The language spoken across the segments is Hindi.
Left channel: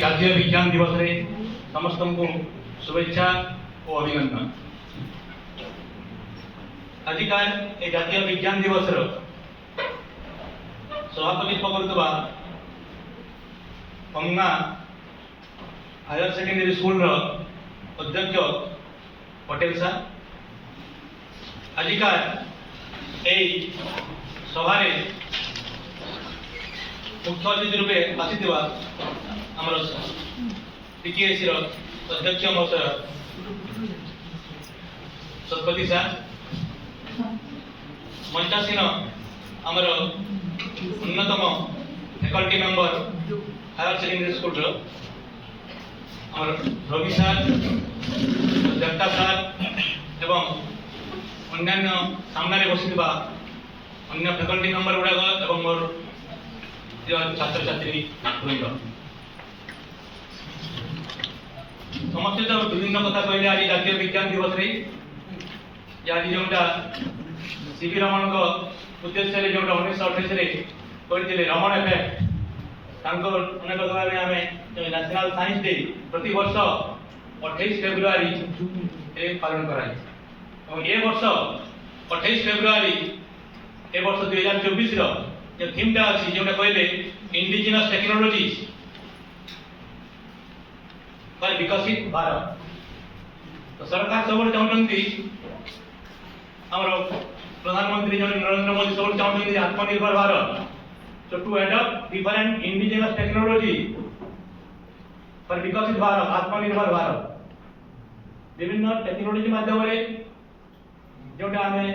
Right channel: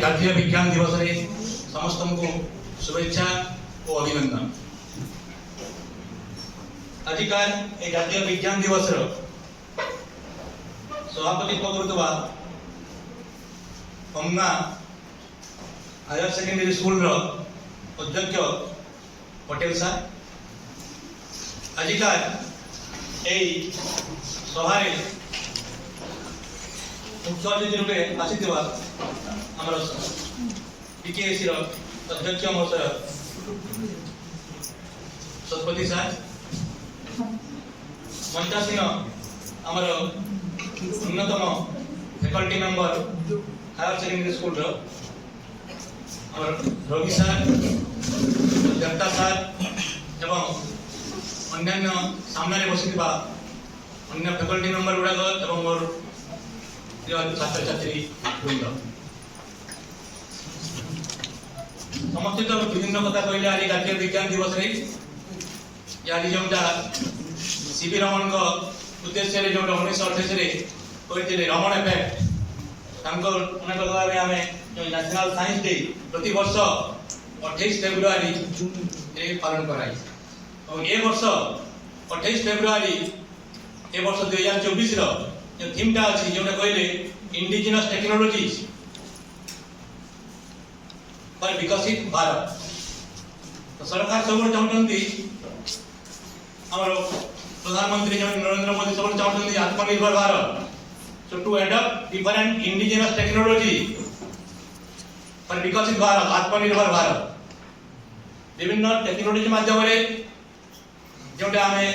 जातीय विज्ञान दिवस रे समस्त को शुभेच्छा और अभिनंदन। आजिकार ए जातीय विज्ञान दिवस रो सभापतित्व करुवा पंगा हायर सेकेंडरी स्कूल रो अध्यक्ष पटेल साहब आजिकार ए सभारे मुख्य अतिथि रूपे आसीथिबा हमर पीटीएसी रो अध्यक्ष महोदय सतपति साहब मंचासीन हमर उन्नतम faculty member higher secondary school रो हमर रवि सर दत्ता सर एवं अन्य सामने बसिथिबा अन्य फैकल्टी मेंबर गुड़ाक एवं मोर छात्र छात्री वृंद समस्त तो विभिन्न कथा कहले आज जातीय विज्ञान दिवस रे आज जोटा सीवी रमण को उद्देश्य रे जोटा 1928 रे करथिले रमण इफेक्ट तांको अनेक भाबे हमें नेशनल साइंस डे प्रति वर्ष 28 फेब्रुआरी रे पालन कराई और ए वर्ष 28 फेब्रुआरी ए वर्ष 2024 रो ये थीम टा अछि जोटा कहले इंडिजिनस टेक्नोलॉजीज पर विकसित भारत। तो सरकार सब चाहते हमर प्रधानमंत्री नरेंद्र मोदी सब चाहते आत्मनिर्भर Bharat so to adopt different indigenous technology पर विकसित भारत आत्मनिर्भर भारत विभिन्न टेक्नोलॉजी माध्यम रे जोटा हमें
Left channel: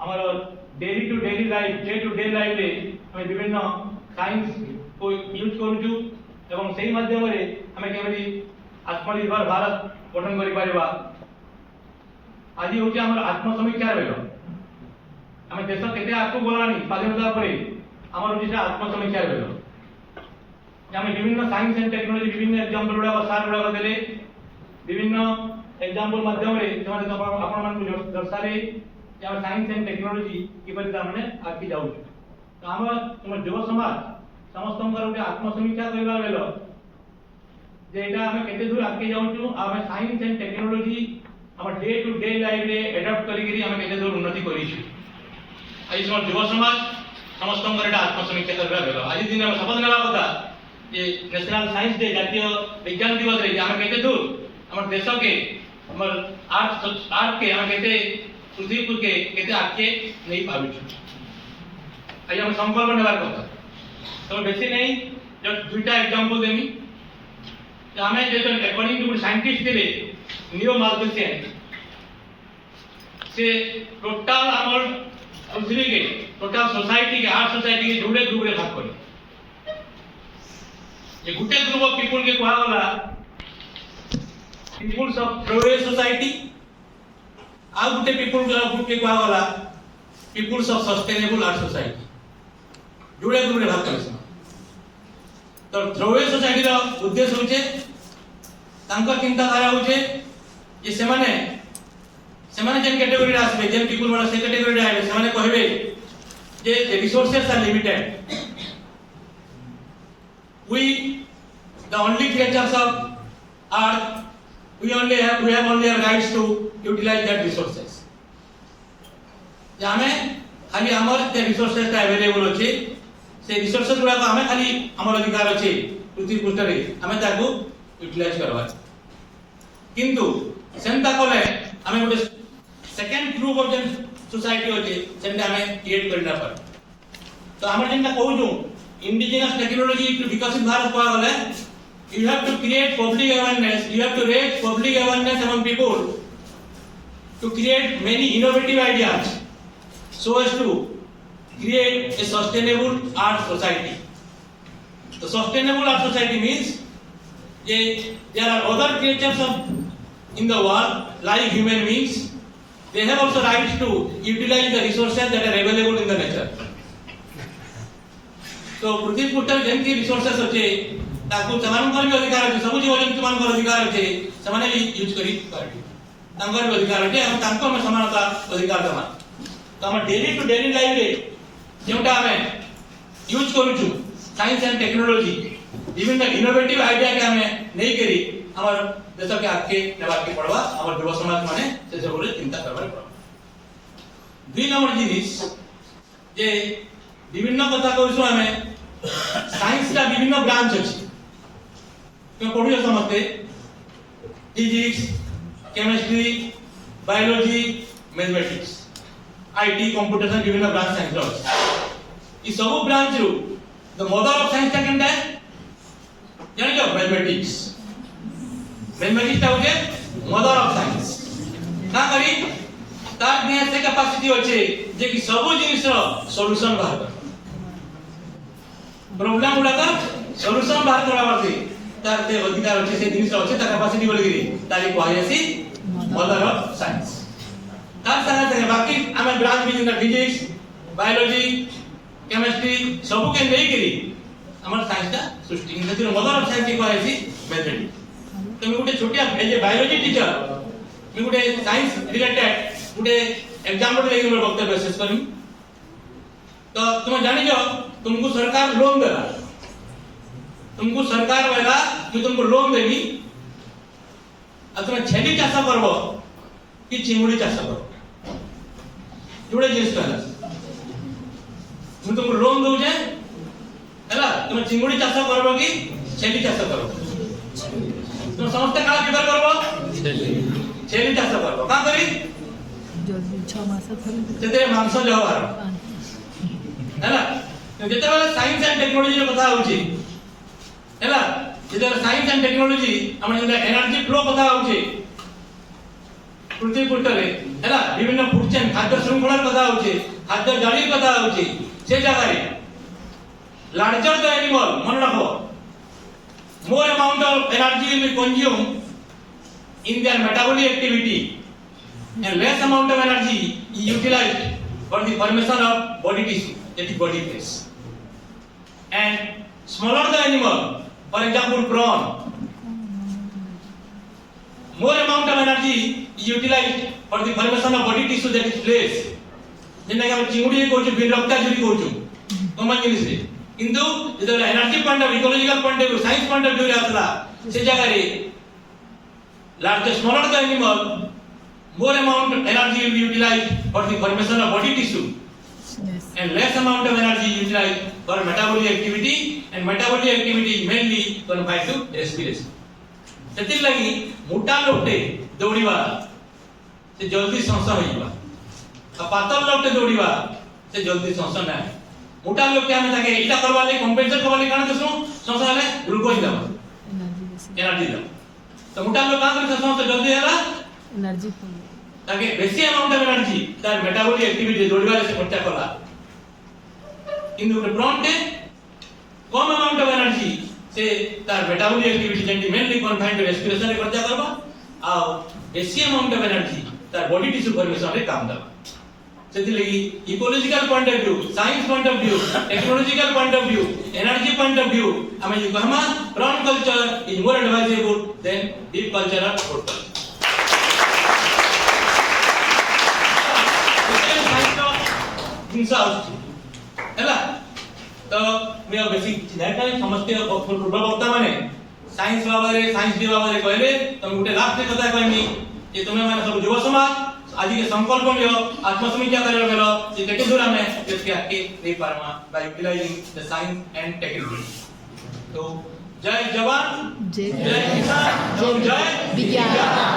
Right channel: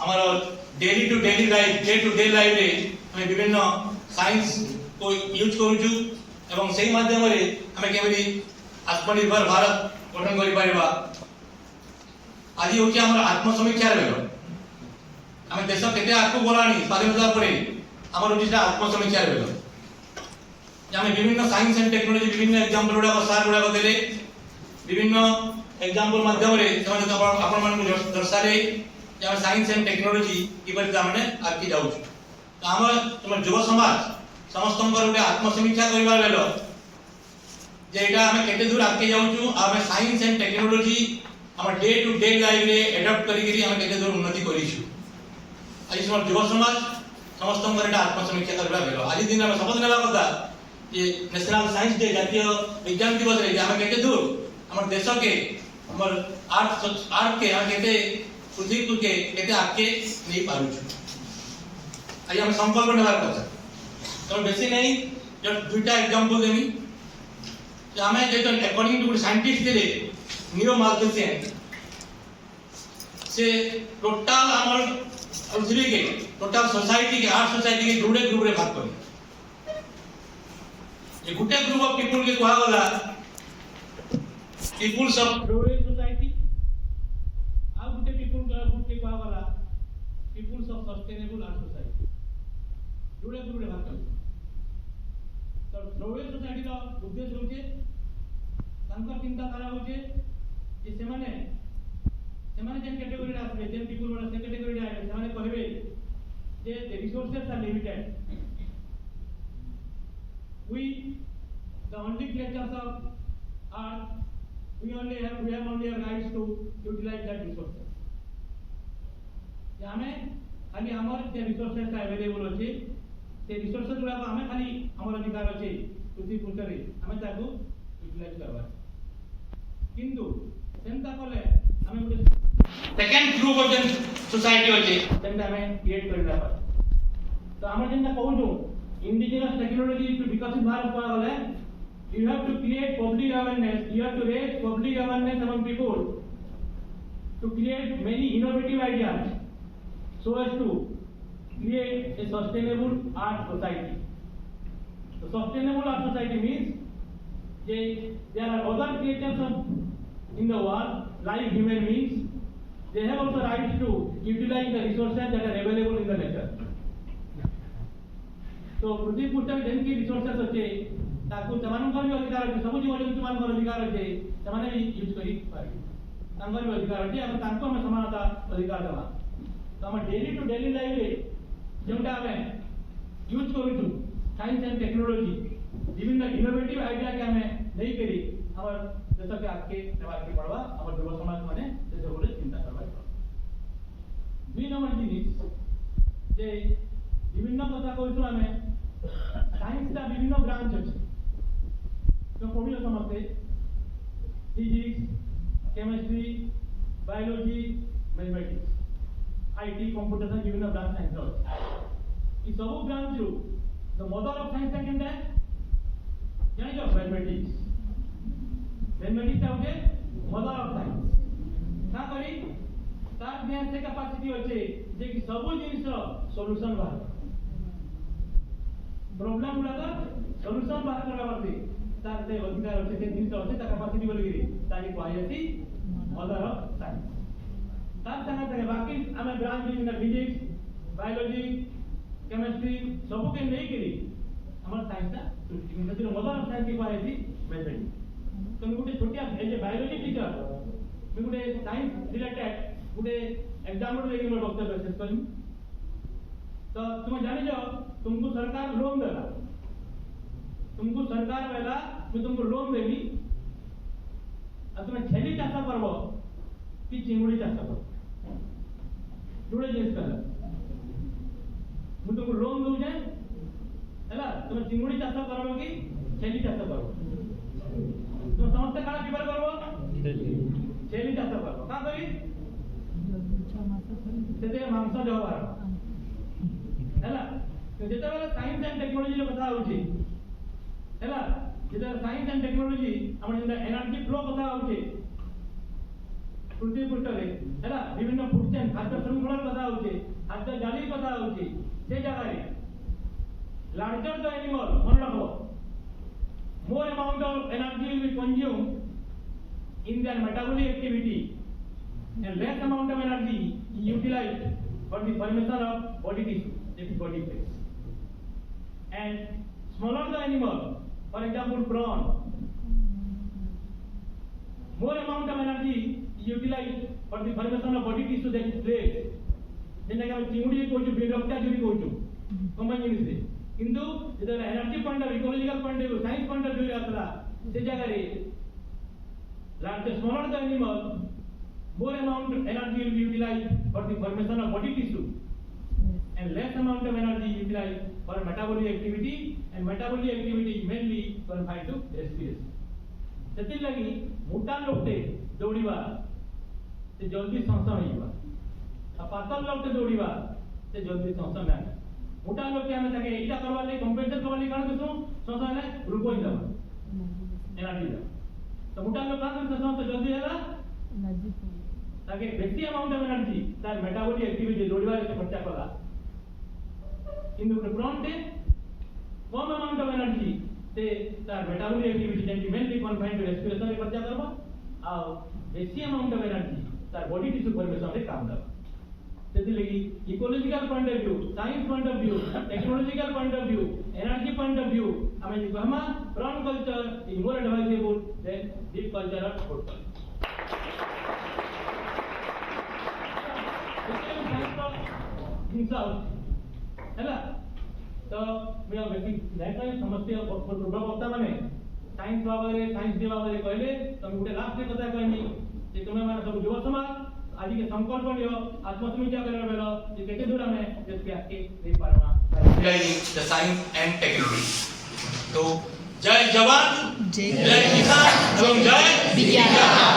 हमर daily to daily life day to day life रे हमें विभिन्न साइंस को यूज करूछु एवं सही माध्यम रे हमें केवली आत्मनिर्भर भारत गठन करि परिबा। आज होची हमर आत्मसमीक्षा रे हमें देश केते आगु गलानी स्वाधीनता परे हमर होची आत्मसमीक्षा रे हमें विभिन्न साइंस एंड टेक्नोलॉजी विभिन्न एग्जांपल गुडा सार गुडा देले विभिन्न एग्जांपल माध्यम रे ସେମାନେ आपण मन को दर्शाले जे हम साइंस एंड टेक्नोलॉजी किबरि तामने आगि जाउ तो हम युवा समाज समस्त गोटे आत्मसमीक्षा करबा लेलो जे एटा हम केते दूर आगे जाउछु हम साइंस एंड टेक्नोलॉजी हम डे टू डे लाइफ रे एडॉप्ट करी हम केते दूर उन्नति करिछु। आज समर युवा समाज समस्त गोटे आत्मसमीक्षा करबा लेलो आज दिन हम शपथ लेबा कथा जे नेशनल साइंस डे जातीय विज्ञान दिवस रे हम केते दूर हमर देश के हमर आर्ट के हम केते पृथ्वी के केते आगे नहीं पारुछु। आज हम संकल्प नेबार कथा तो बेसी नहीं जो दुटा एग्जांपल देमी कि हमें जे अकॉर्डिंग टू साइंटिस्ट थे नियो माल्थुसियन से टोटल हमर पृथ्वी के टोटल सोसाइटी के आर्ट सोसाइटी के जुड़े ग्रुप रे भाग करे ये गुटे ग्रुप ऑफ पीपल के कहा वाला पीपल्स ऑफ प्रोग्रेस सोसाइटी आ गुटे पीपल ग्रुप के कहा वाला peoples of sustainable art society जुड़े ग्रुप रे भाग करे। तो प्रोग्रेस सोसाइटी रो उद्देश्य होचे तांको चिंताधारा होचे जे सेमाने जेन कैटेगरी रे आसबे जेन पीपल वाला से कैटेगरी रे आबे सेमाने कहबे जे resources are limited we the only creatures of earth we have only a rights to utilize that resources जामे खाली हमर जे रिसोर्सेस अवेलेबल अछि से रिसोर्सेस गुडा हमें खाली हमर अधिकार अछि पृथ्वी पृष्ठ रे हमें ताको यूटिलाइज करबा किंतु सेंता कोले हमें गोटे सेकंड ग्रुप ऑफ जन सोसाइटी अछि सेंता हमें क्रिएट करना पर तो हमर जेंता कहू इंडिजिनस टेक्नोलॉजी टू विकसित भारत को गले you have to create public awareness you have to raise public awareness among people to create many innovative ideas so as to create a sustainable art society. The sustainable art society means there are other creatures in the world like human beings they have also rights to utilize the resources that are available in the nature. तो पृथ्वी पृष्ठ जेंति रिसोर्सेस अच्छे ताकू समानकर भी अधिकार अछि सब जीव जंतु मानकर अधिकार अछि समाने भी यूज करी पार्टी तांकर भी अधिकार अछि हम तांको में समानता अधिकार दमा तो हम डेली टू डेली लाइफ रे जेउटा हमें यूज करू छु साइंस एंड टेक्नोलॉजी विभिन्न इनोवेटिव आइडिया के हमें नहीं करी हमर देश के आगे नेबार के पड़वा हमर युवा समाज माने से सब चिंता करबार पड़वा। 2 नंबर जिनिस जे विभिन्न कथा कहूँ हमें साइंस का विभिन्न ब्रांच अच्छी तुम पढ़ियो समझते physics chemistry biology mathematics IT computer विभिन्न ब्रांच साइंस रो ई सब ब्रांच रो द मदर ऑफ साइंस केनटा है जानि जो मैथमेटिक्स ता होजे मदर ऑफ साइंस का करी तार ने से कैपेसिटी होचे जे कि सब जिनिस रो सॉल्यूशन बाहर कर प्रॉब्लम उडा का सॉल्यूशन बाहर करवा परती तार ते अधिकार होचे से जिनिस होचे ता कैपेसिटी बोली गिरी तारी को आईसी मदर ऑफ साइंस तार संगे बाकी हमें ब्रांच भी जिनका फिजिक्स बायोलॉजी केमिस्ट्री सब के नहीं करी हमर साइंस का सृष्टि नदीर मदर ऑफ साइंस को आईसी मैथमेटिक्स तो मैं गुटे छोटिया जे बायोलॉजी टीचर मैं गुटे साइंस रिलेटेड गुटे एग्जांपल लेके मोर वक्तव्य शेष करमी। तो तुम जानि जो तुमको सरकार लोन देला तुमको सरकार वाला कि तुमको लोन देगी और तुम छेली चाष करबो कि चिंगुड़ी चाष करबो जोड़े जिनिस कहला तुमको लोन दउ जे हैला तुम चिंगुड़ी चाष करबो कि छेली चाष करबो तुम समस्त काल किधर करबो छेली चाष करबो का करी जल्दी 6 मास थरे तेरे मांस जो बार हैला जेते वाला साइंस एंड टेक्नोलॉजी रो कथा होची हैला जेते साइंस एंड टेक्नोलॉजी हमर जेते एनर्जी फ्लो कथा होची पृथ्वी पृष्ठरे हैला विभिन्न फूड चेन खाद्य श्रृंखला कथा होची खाद्य जाली कथा होची से जगह रे लार्जर द एनिमल मन रखो more amount of energy will be consumed in their metabolic activity and less amount of energy is utilized for the formation of body tissue, that is body phase. And smaller the animal, for example prawn, more amount of energy is utilized for the formation of body tissue, that is flesh. जेना हम चिंगुड़ी को जो बिरक्ता जुड़ी को जो कमन जिनिस रे किंतु जेते energy point of ecological point of view science point of view रे आसला से जगह रे large smaller the animal more amount of energy will be utilized for the formation of body tissue and less amount of energy utilized for metabolic activity and metabolic activity is mainly confined to respiration सेति लागि मोटा लोटे दौड़ीबा से जल्दी सांस होइबा आ पातल लोटे दौड़ीबा से जल्दी सांस ना मोटा लोग क्या में ताके इटा करवा ले कंपेंसेट करवा ले काना दसो सांस आले ग्लूकोज दबा एनर्जी दबा तो मोटा लोग का करे सांस जल्दी होला एनर्जी ताकि बेसी अमाउंट ऑफ एनर्जी तार मेटाबॉलिक एक्टिविटी दौड़वा से खर्चा कला किंतु प्रोन के कम अमाउंट ऑफ एनर्जी से तार मेटाबॉलिक एक्टिविटी जेंटी मेनली कन्फाइंड टू रेस्पिरेशन रे खर्चा करबा आ बेसी अमाउंट ऑफ एनर्जी तार बॉडी टिश्यू फॉर्मेशन रे काम दबा सेति लगी ecological point of view science point of view technological point of view energy point of view हमें जो कहमा prawn culture is more advisable than deep culture of food culture हिंसा हैला तो मैं बेसिक चिन्हटा समझते पूर्व वक्ता माने साइंस बाबरे साइंस डे बाबरे कहले तो गुटे लास्ट कथा कहमी जे तुमे माने सब युवा समाज आज के संकल्प लियो आत्मसमीक्षा करियो गेलो जे केते दूर हमें देश के आगे नहीं पारमा by utilising the science and technology तो जय जवान जय किसान जय विज्ञान।